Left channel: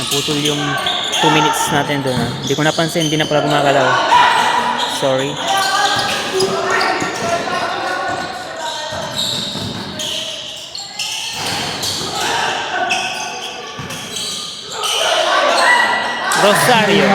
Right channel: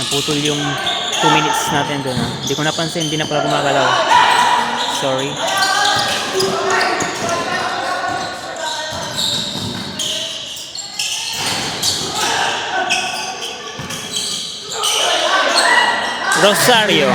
Naputol yung 2 minutes natin doon. Hindi ko napansin, hindi na pala gumagalaw. Sorry. Rosario.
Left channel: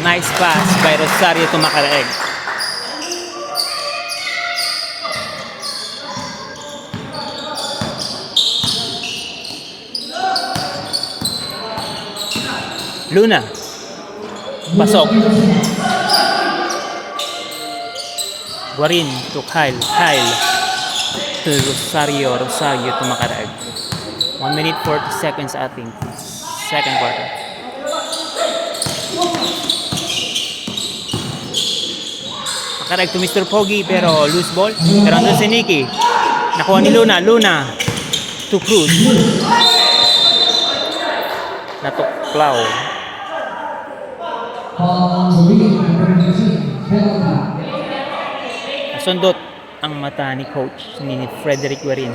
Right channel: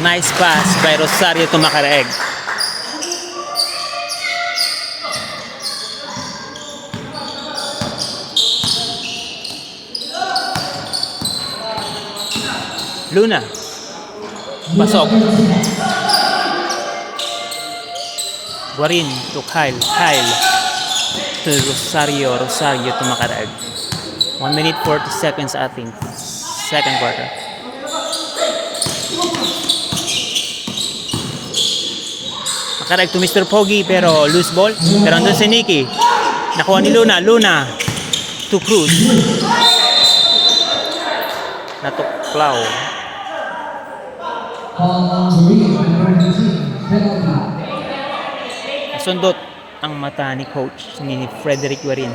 Nice pass by Rosario to Macaraeg. Luna. Pasok. Guarin to Kyle. Kyle to Rosario. Rosario to Macaraeg. 1 minute 40 seconds ating second quarter. Macaraeg to Mr. Pogi pero loose ball. Pero andun si Nicky. Nakuha ni Luna. Luna to Cruz. Natuklaw. Nasundot ang mata ni coach ni Frederick Guarin.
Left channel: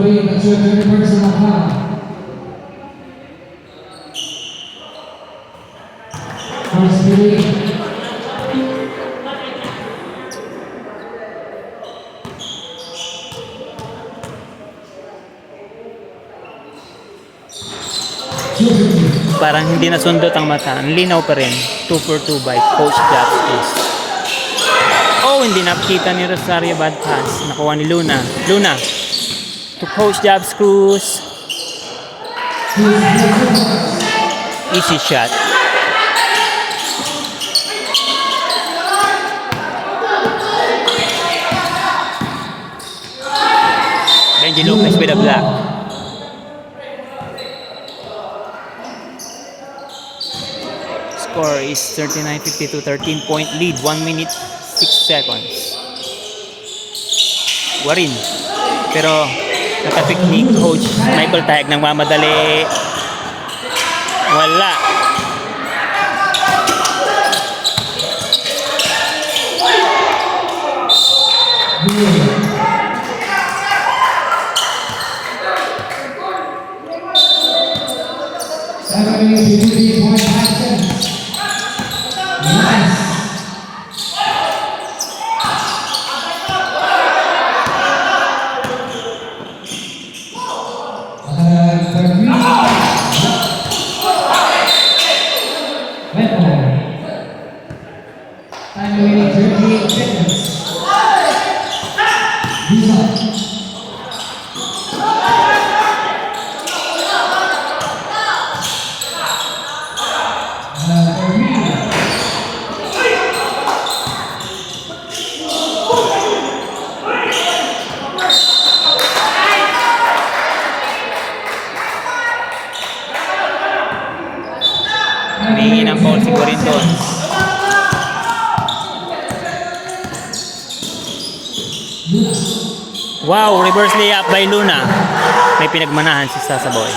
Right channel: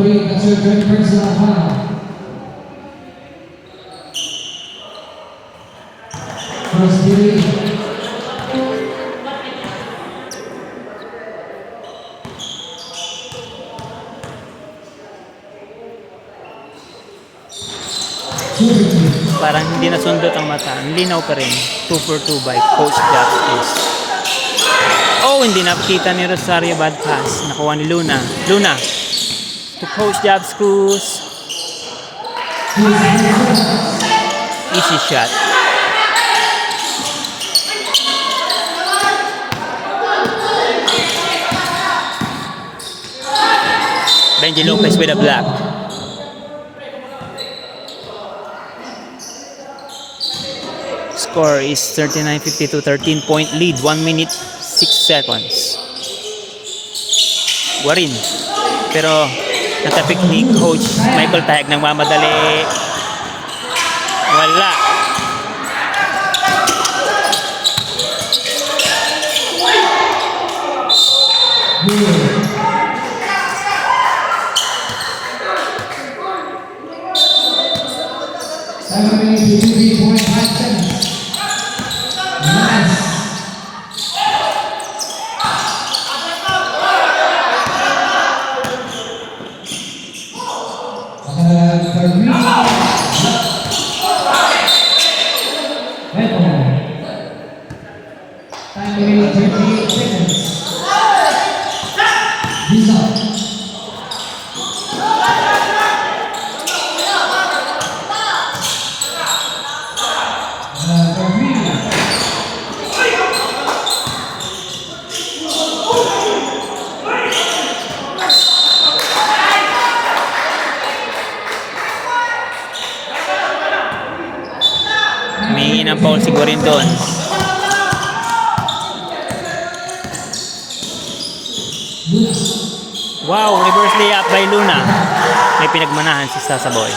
That's your third personal foul. First period. Parang hindi nasundot ang mata. Ang linaw pa rin. 2 for 2 by Coach Jackson. Oh, hindi nakita ni Rosario, bad pass. Nakuha ni Luna. Luna to Coach Jabskus. Easy shot. Benji Lopez with a block. Score is 39-52, 13-point lead, 1 minute 6 seconds. Guarin. Pero natapik ni Coach Michael Tayag ng mamadali. Wala. Humingi ng foul si Guarin doon. Wow, reverse layup by Luna. May pinagmanahan si Sasaboy.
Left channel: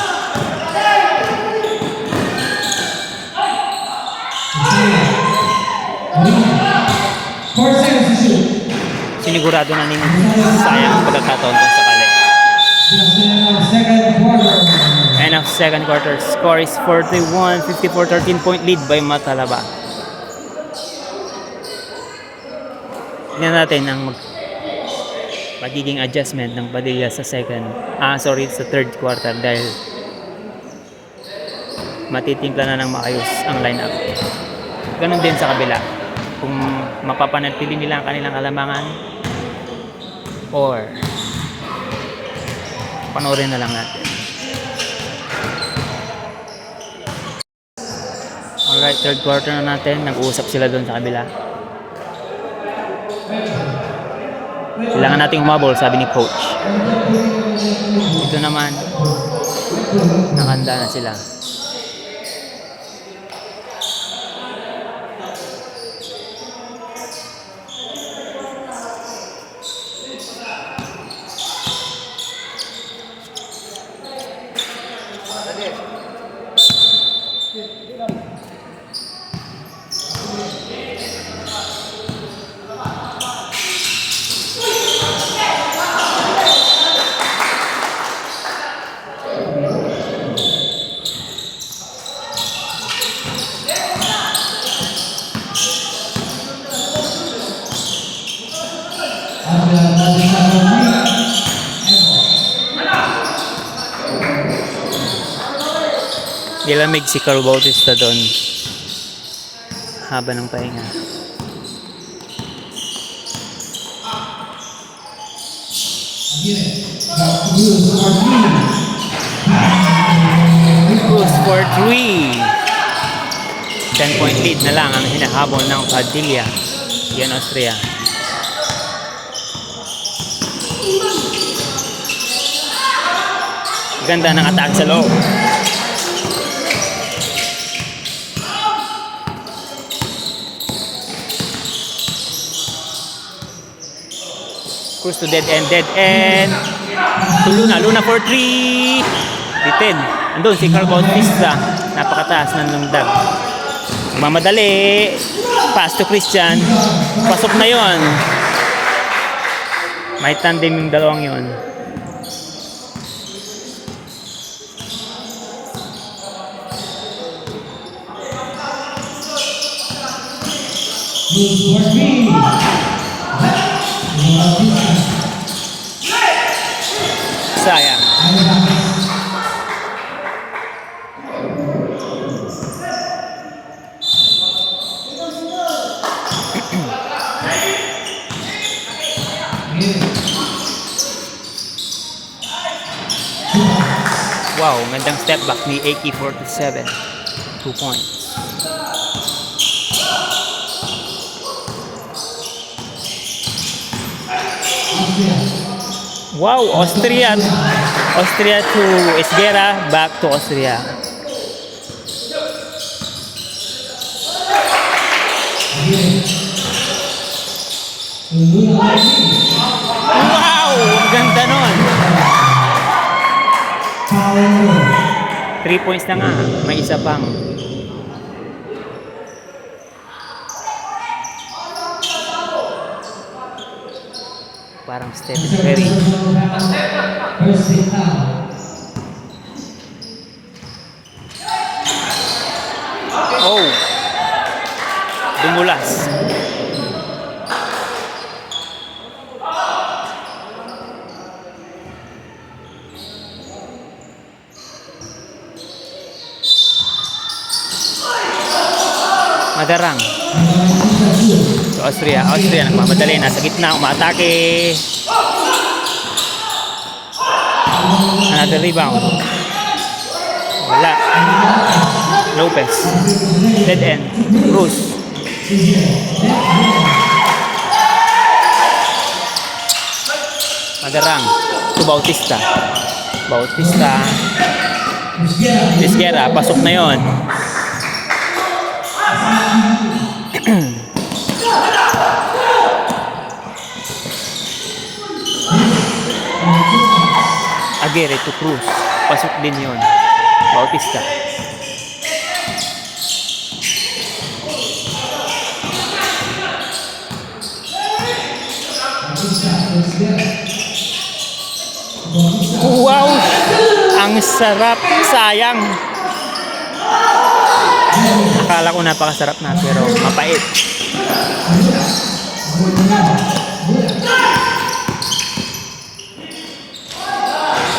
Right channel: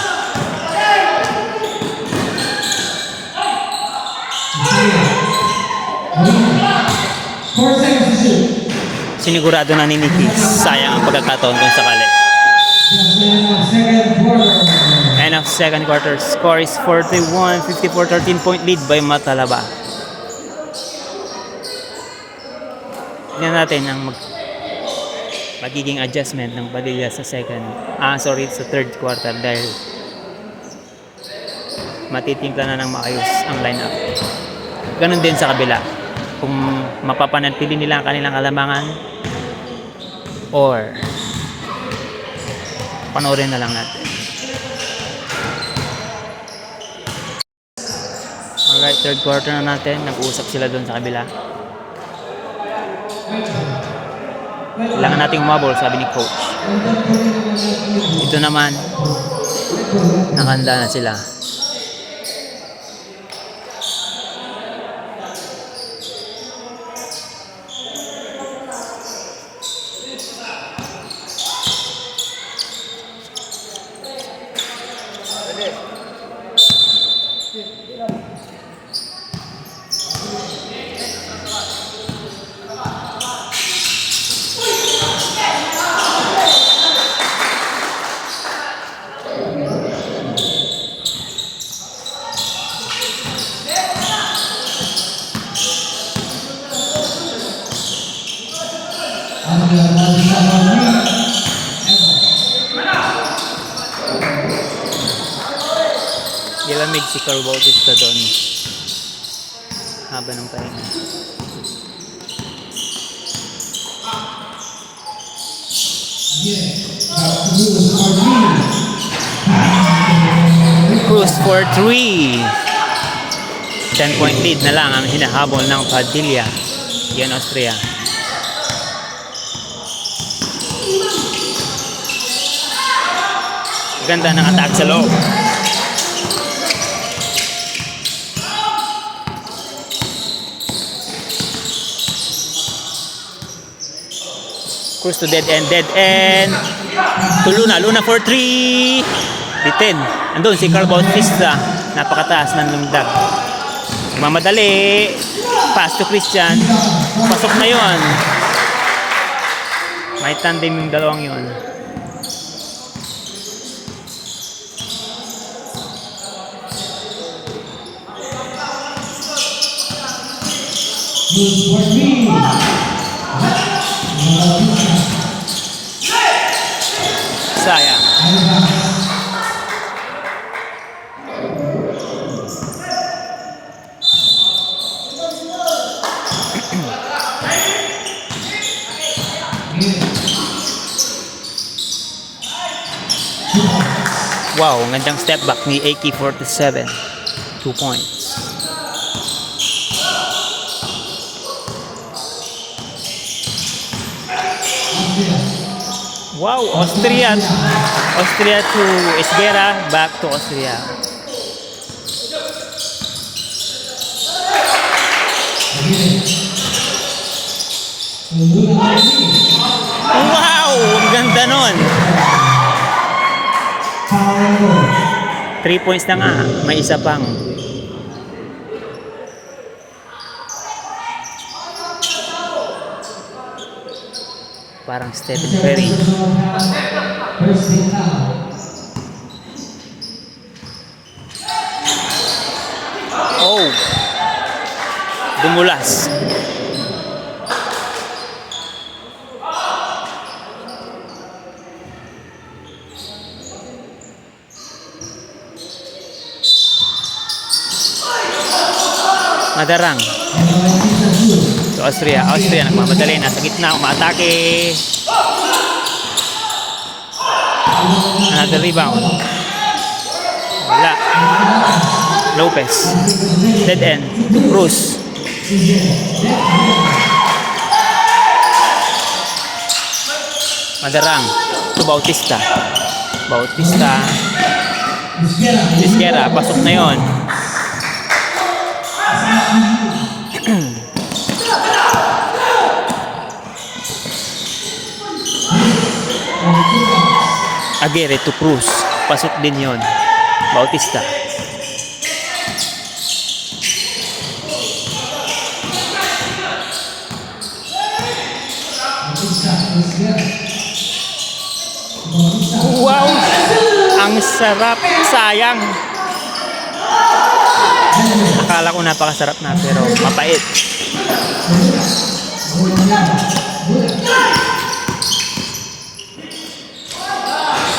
Sinigurado na ni Nicky. Sayang ang pagkakataon kung sakali. End of second quarter. Score is 41-54, 13-point lead by Matalaba. Tingnan natin ang magiging adjustment ng Padilla sa sa third quarter dahil matitimpla na ng maayos ang lineup. Ganun din sa kabila. Kung mapapanatili nila ang kanilang kalamangan or panoorin na lang natin. Alright, third quarter na natin. Nag-uusap sila doon sa kabila. Kailangan nating umabol, sabi ni coach. Ito naman, nakahanda na sila. Gilamig si Carl Bautista doon. Haba ng pahinga. Cruz for 3. 10-point lead na lang ang hinahabol ng Padilla. Yan Austria. Ganda ng attack sa loob. Cruz to dead end. To Luna for 3. Bitin. Andun si Carl Bautista. Napakataas ng lungdag. Mamadali. Pass to Christian. Pasok na yon. May tandem yung dalawang yon. Sayang. Wow, gandang step back ni AK-47. 2 points. Wow, Austria to Esguerra, back to Austria. Wow, ang ganda nun. 3 points na nga, may isa pang. Parang Stephen Curry. Oh, dumulas. Madarang. So Austria nagmamadali, nasa gitna, umaatake. Another rebound. Wala. Lopez. Dead end. Cruz. Madarang. To Bautista. Esguerra. Pasok na yon. Aguirre to Cruz. Pasok din yon. Bautista. Wow! Ang sarap. Sayang. Akala ko napakasarap na pero mapait.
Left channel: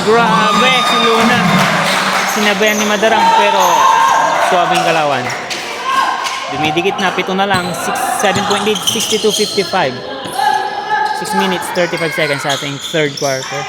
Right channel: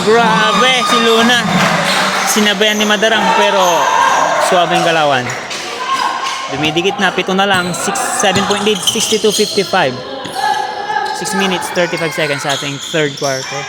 Grabe si Luna. Sinabayan ni Madarang pero suwabing galawan. Dumidikit na, 7 na lang. 7-point lead, 62-55. 6 minutes, 35 seconds sa ating third quarter.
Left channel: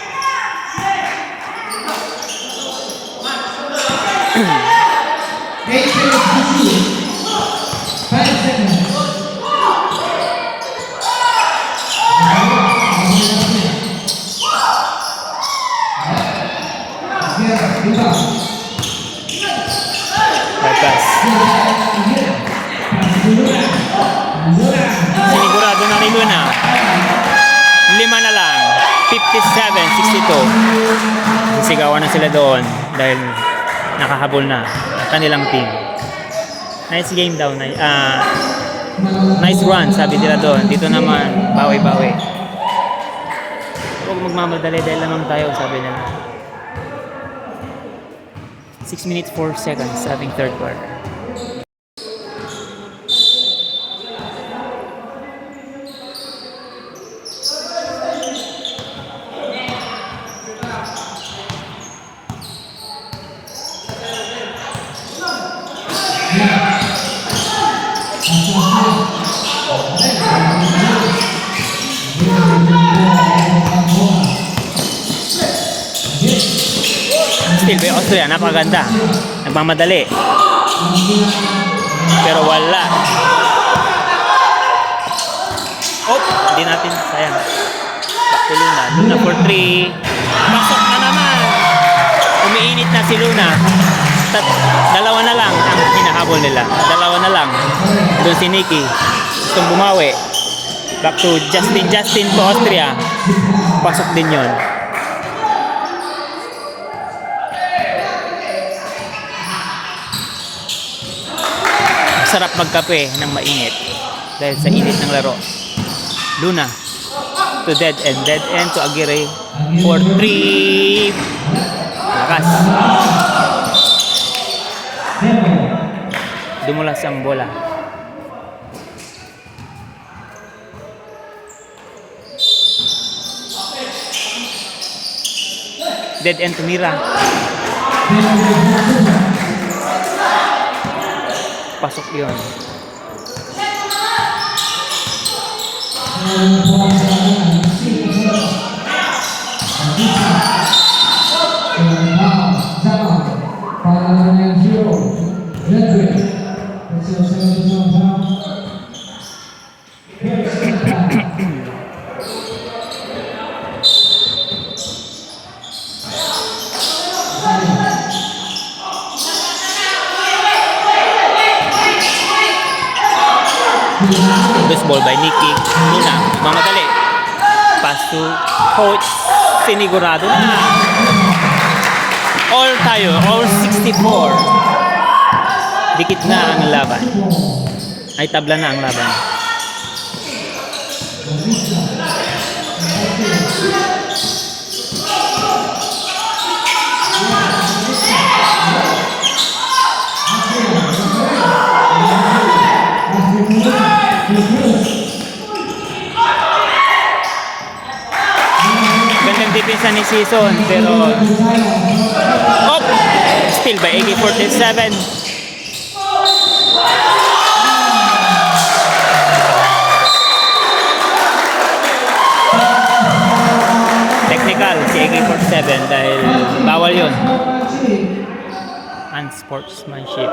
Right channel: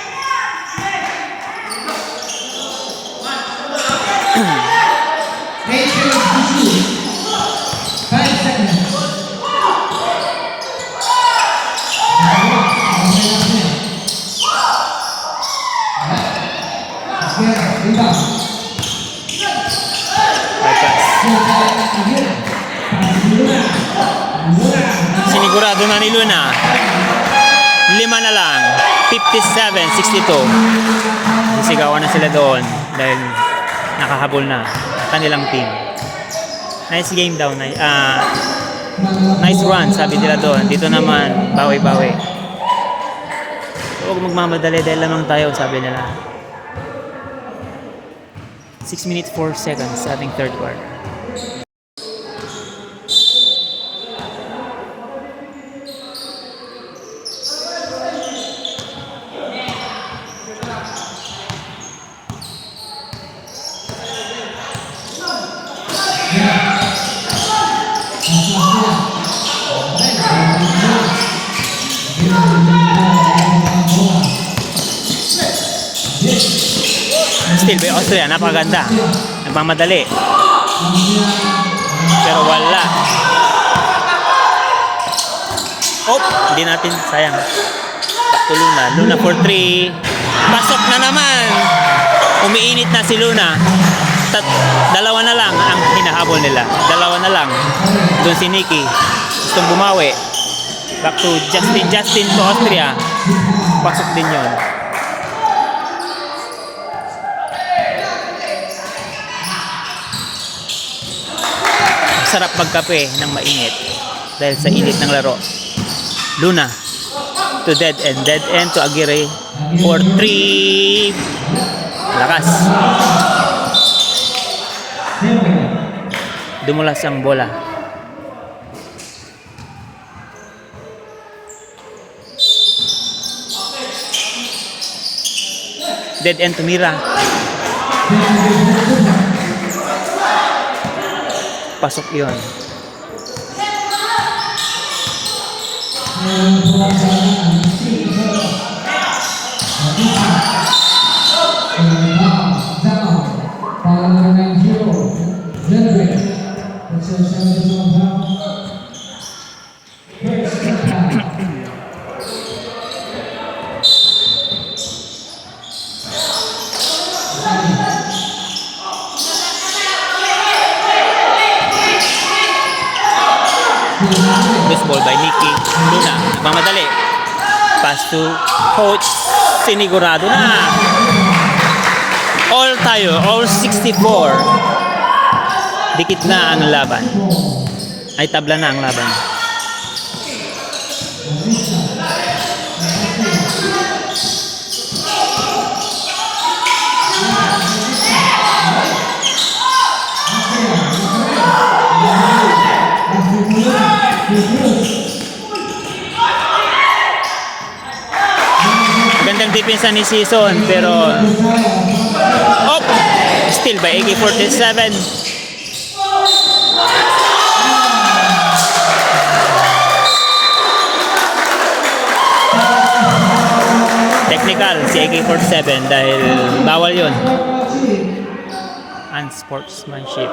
Luna. 5 na lang. 57-62. Sisigawan na sila doon dahil nakahabol na ang kanilang team. Nice game daw. Nice run, sabi nila doon. Dito naman, bawi-bawi. Huwag magmamadali dahil lamang tayo, sabi nila. 6 minutes 4 seconds sa ating third quarter. Still by Austria, napakaganda. Nagmamadali. Pero wala. Oh, hindi natin, sayang. Back to Luna. Luna for 3. Pasok na naman. Umiinit na si Luna. Dalawa na lang ang hinahabol nila. Dalawa na lang. Doon si Nikki. Gustong bumawi. Back to Justin to Austria. Pasok din yun. Sarap magkape ng mainit dahil sa init ng laro. Luna to dead end to Aguirre for 3. Lakas. Dumulas ang bola. Dead end to Mira. Pasok yun. This ball by Nikki. Luna, nagmamadali. Pass to Coach. Sinigurado na. All tayo, all 64. Dikit na ang laban. Ay, tabla na ang laban. Gandang depensa ni Season pero still by AK-47. Technical si AK-47 dahil bawal yun. Unsportsmanship.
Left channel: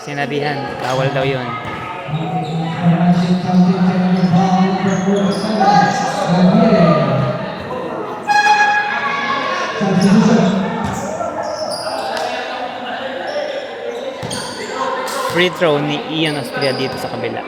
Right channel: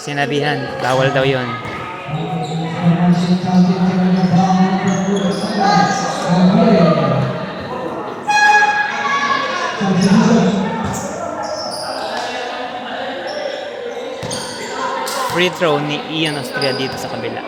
Sinabihan, bawal daw yun. Free throw ni Ian Austria dito sa kabila.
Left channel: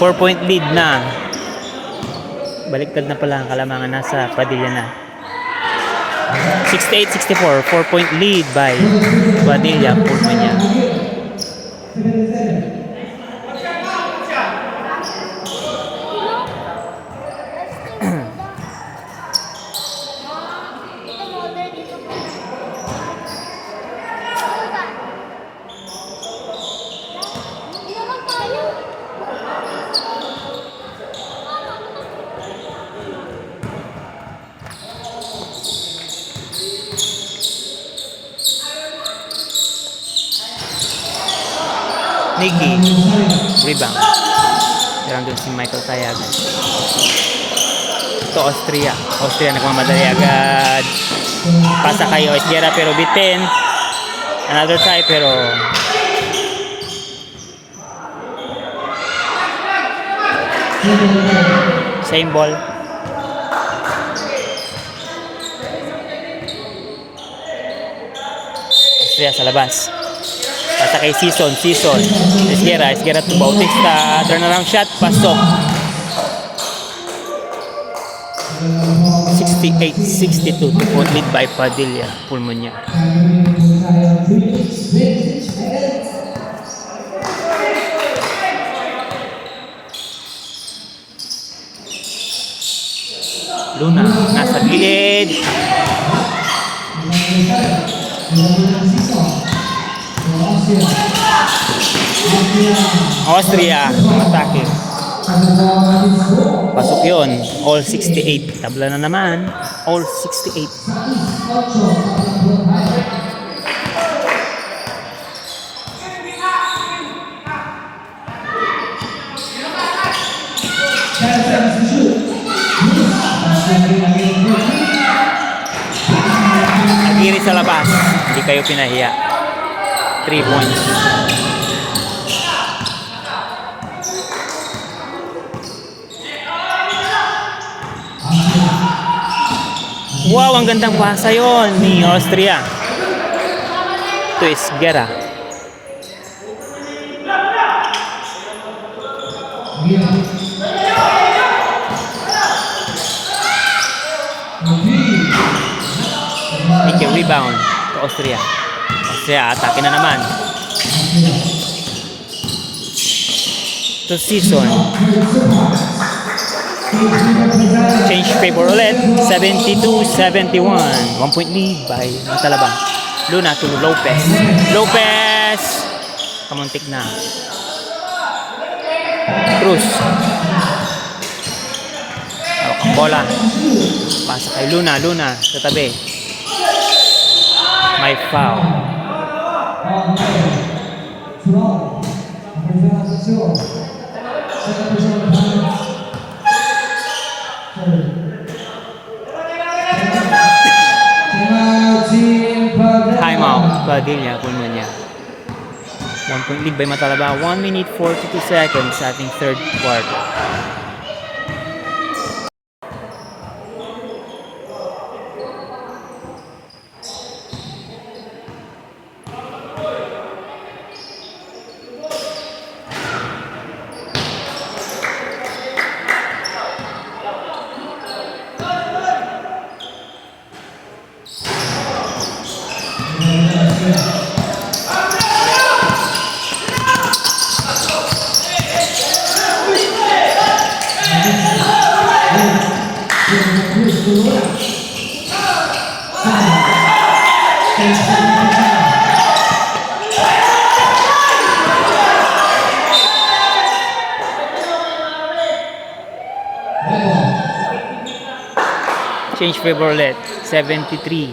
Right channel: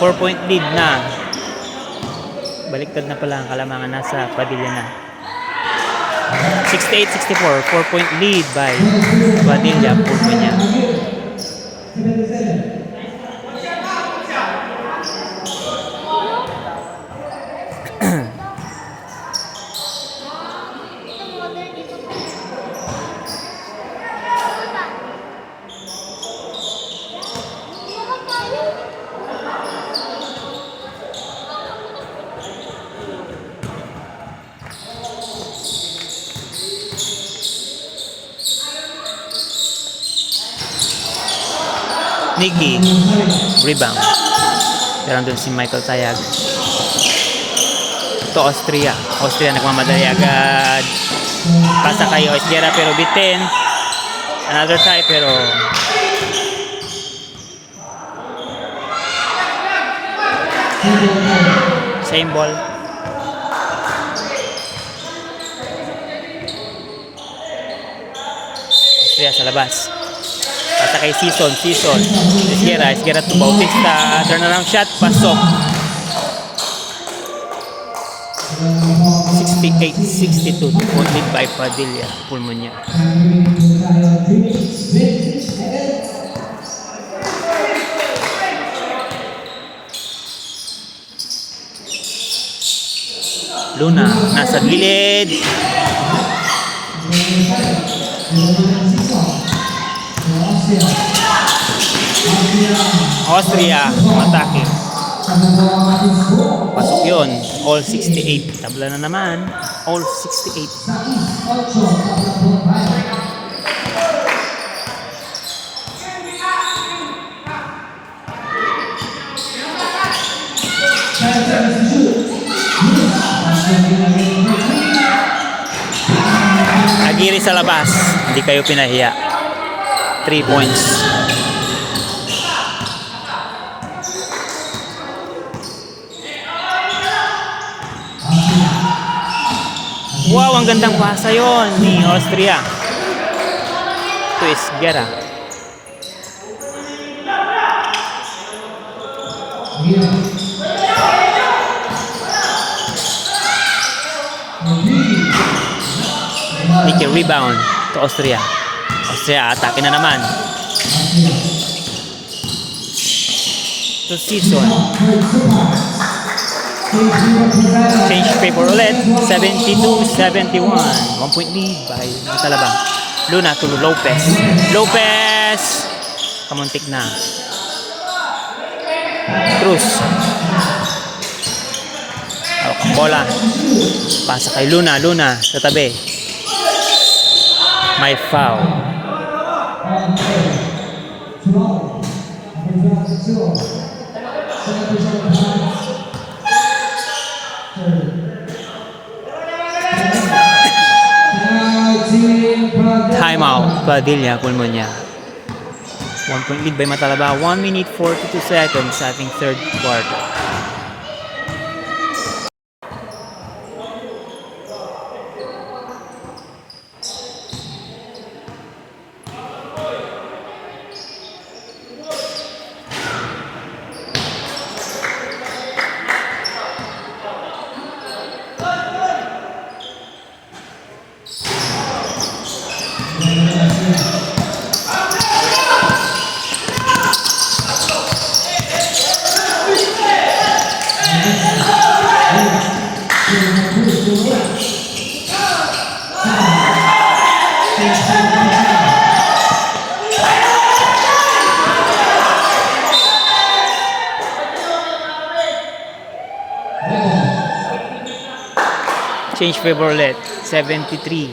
Four-point lead na. Baliktad na pala ang kalamangan, nasa Padilla na. 68-64, 4-point lead by Padilla, Pulmanya. Nikki, rebound. Meron dun si Michael Tayag. Ito Austria. Austria nagmamadali agad. Pasa kay Osguera pero bitin. Another try pero same ball. Austria sa labas. Pasa kay Season. Esguera to Bautista. Turnaround shot. Pasok. 68-62 to point lead by Padilla. Pulmonya. Luna, nasa gilid. Austria, matake. Pasok yun. All 68. Tabla na naman. All 68. Agiri sa labas. Hindi kayo pinahiya. 3 points. Wow, ang gandang pasa yon ni Austria. Ito is Guerra. Ito rebound to Austria. Austria, atake na naman. To Season. Change favor ulit. 72-71. 1 point lead by Matalaba. Luna to Lopez. Lopez! Kamuntik na. Cruz. Hawak ang bola. Pasa kay Luna. Luna sa tabi. May foul. Timeout. Padilla, Pulmonya. 1 point lead by Matalaba. 1 minute 42 seconds sa ating third quarter. Change favor ulit. 73-72.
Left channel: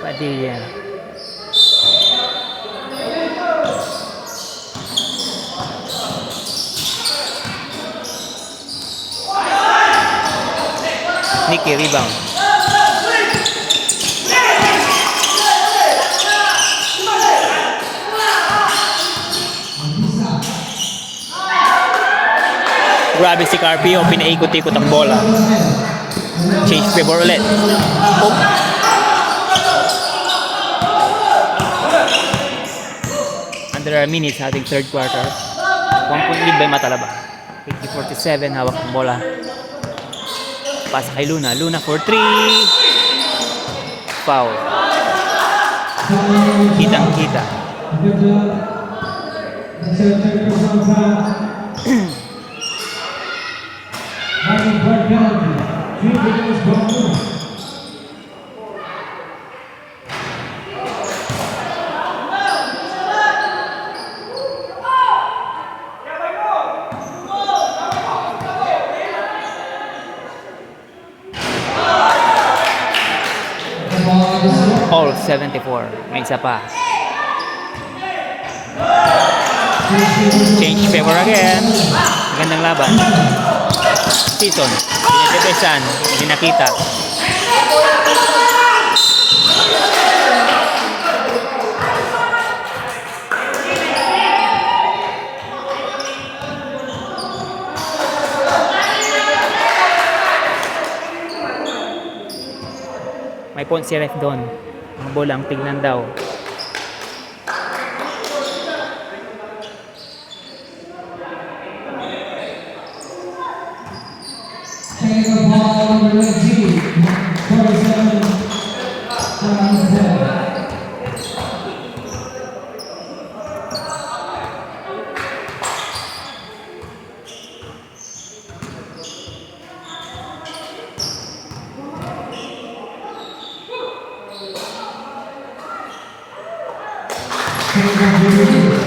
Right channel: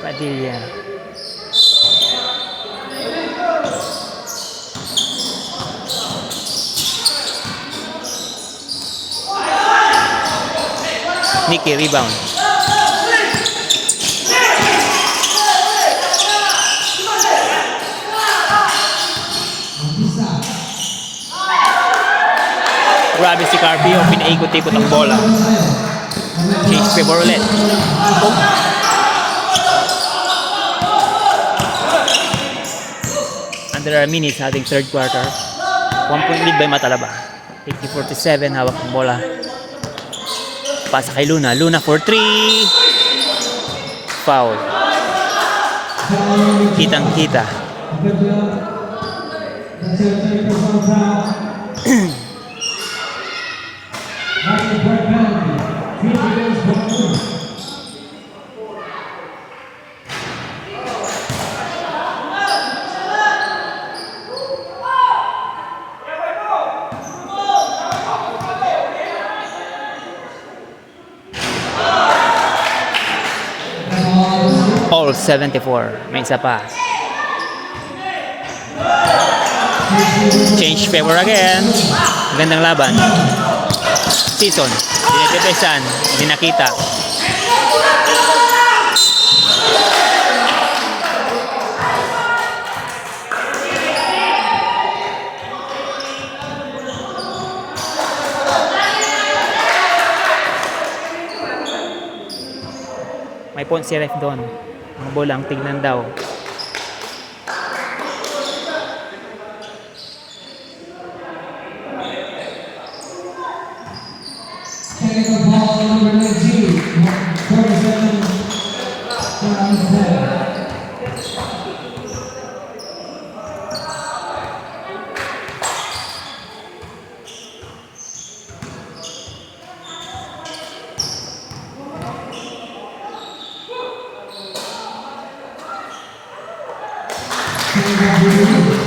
Padilla. Nikki, rebound. Grabe si Carpio, pinaikot-ikot ang bola. Change favor ulit. Oh. Under a minute sa ating third quarter. 1 point lead by Matalaba. 80-47, hawak ang bola. Pasa kay Luna. Luna for 3. Foul. Kitang-kita. All 74. May isa pa. Change favor again. Gandang laban. Season. Pinapepesan. Hindi nakita. May point si ref doon. Ang bola ang tignan daw. Technical ball number 19, 47, round 4.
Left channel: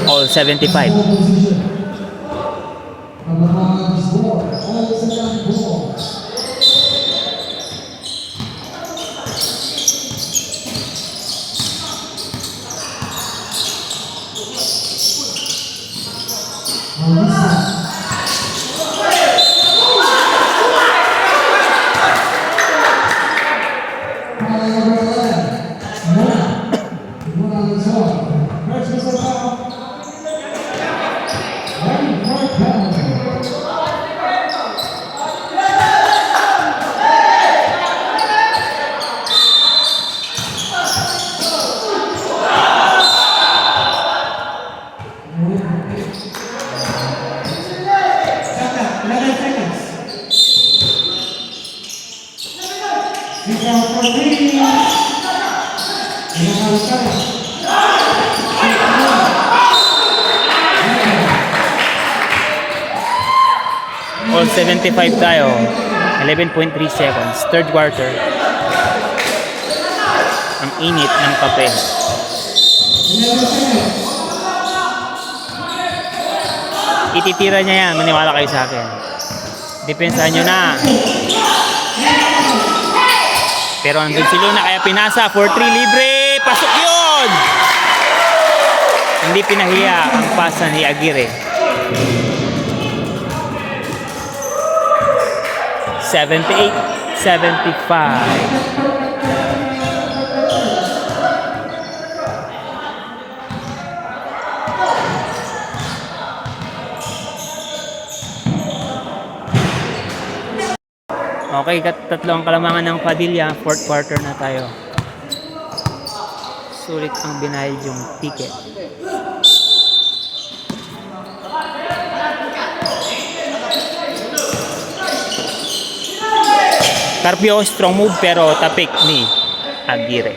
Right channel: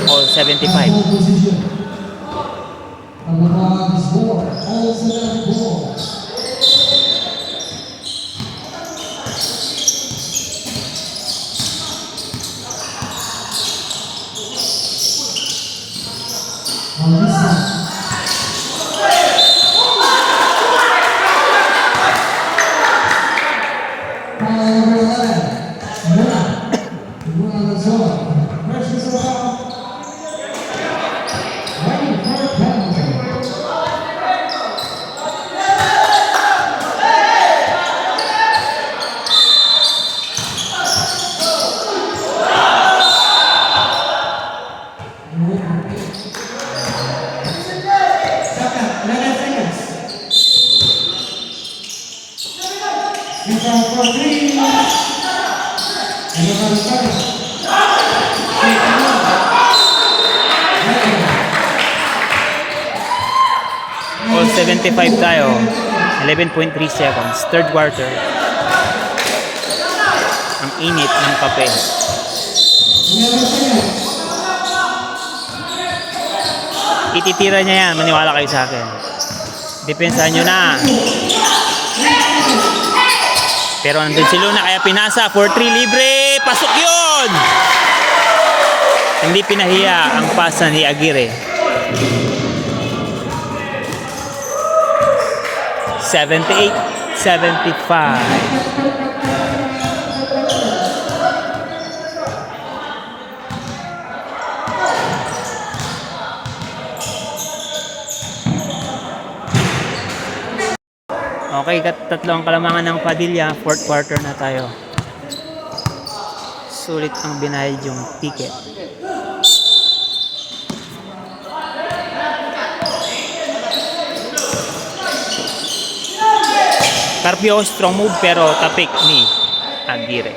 All 75. Position. Number 5 is 4, all 74. On this side. Ball number 11, Luna Lazar. Versus the foul. Ready for penalty. Second, 11 seconds. Free throw for three. Everybody second. All 75 tayo. 11.3 seconds. Third quarter. Ang init ng kape. 11 seconds. Ititira niya yan. Maniwala kayo sa akin. Depensahan nyo na. Pero nandun si Luna kaya pinasa. 4-3 libre. Pasok yun! Hindi pinahiya ang pasa ni Aguirre. 78-75. Okay, tatlo ang kalamangan ng Padilla. Fourth quarter na tayo. Sulit ang binayad yung ticket. Carpio, strong move pero tapik ni Aguirre.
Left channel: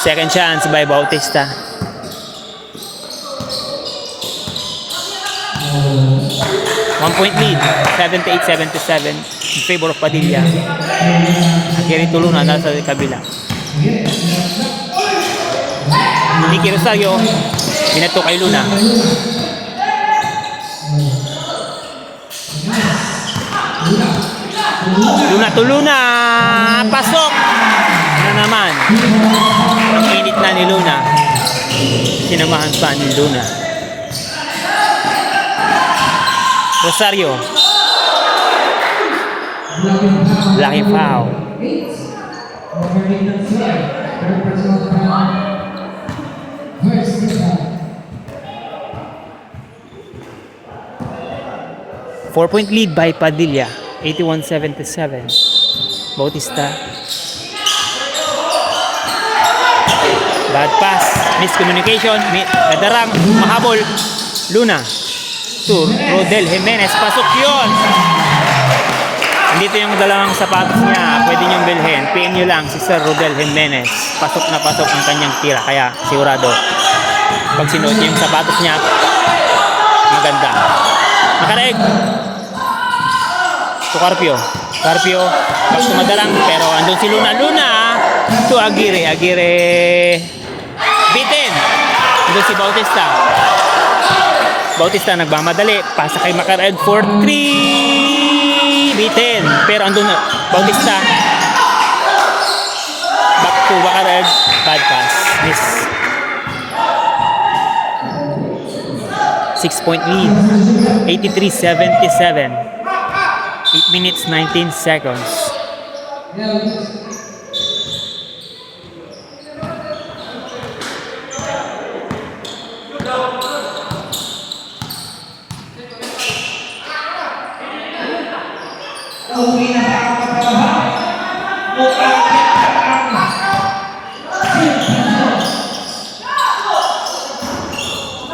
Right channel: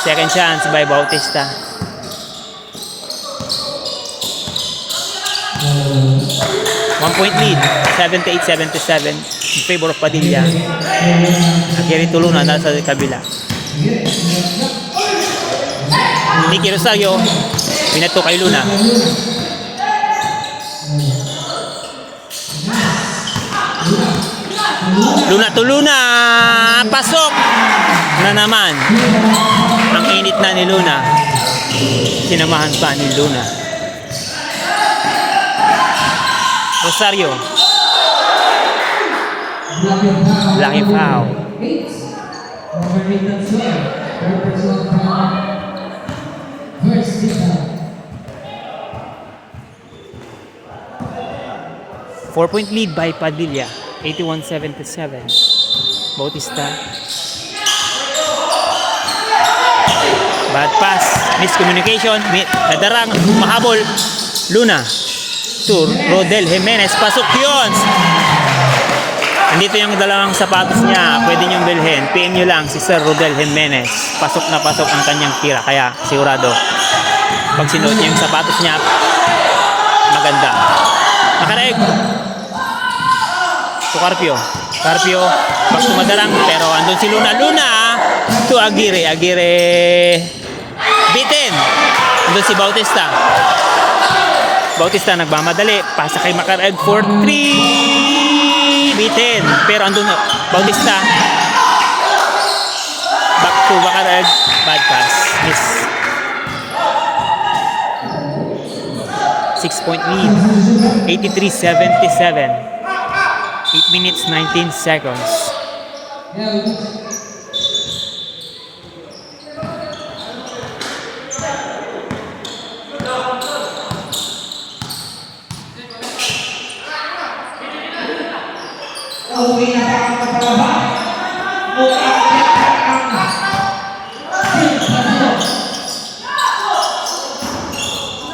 Second chance by Bautista. One point lead, 78-77 in favor of Padilla. Aguirre Tuluna nasa kabila. Nicky Rosario, binato kay Luna. Luna to Luna, pasok na naman. Ang init na ni Luna. Sinamahan pa ni Luna. Rosario. Lucky foul. 4-point lead by Padilla. 81-77. Bautista. Bad pass. Miscommunication. Nadarang. Mahabol. Luna. To Rodel Jimenez. Pasok yun. Andito yung dalawang sapatos niya. Pwede niyong bilhin. PM nyo lang si Sir Rodel Jimenez. Pasok na pasok ang kanyang tira. Kaya sigurado. Pag sinuot niya yung sapatos niya, maganda. Makareeg. To Carpio. Carpio. Back to Madarang. Pero andun si Luna. Luna. To Aguirre. Aguirre. Bitin. Andun si Bautista. Bautista nagmamadali. Pasa kay Macareg for 3. Bitin. Pero andun Bautista. Back to Macareg. Bad pass. Miss. 6-point lead. 83-77. 8 minutes 19 seconds. Now,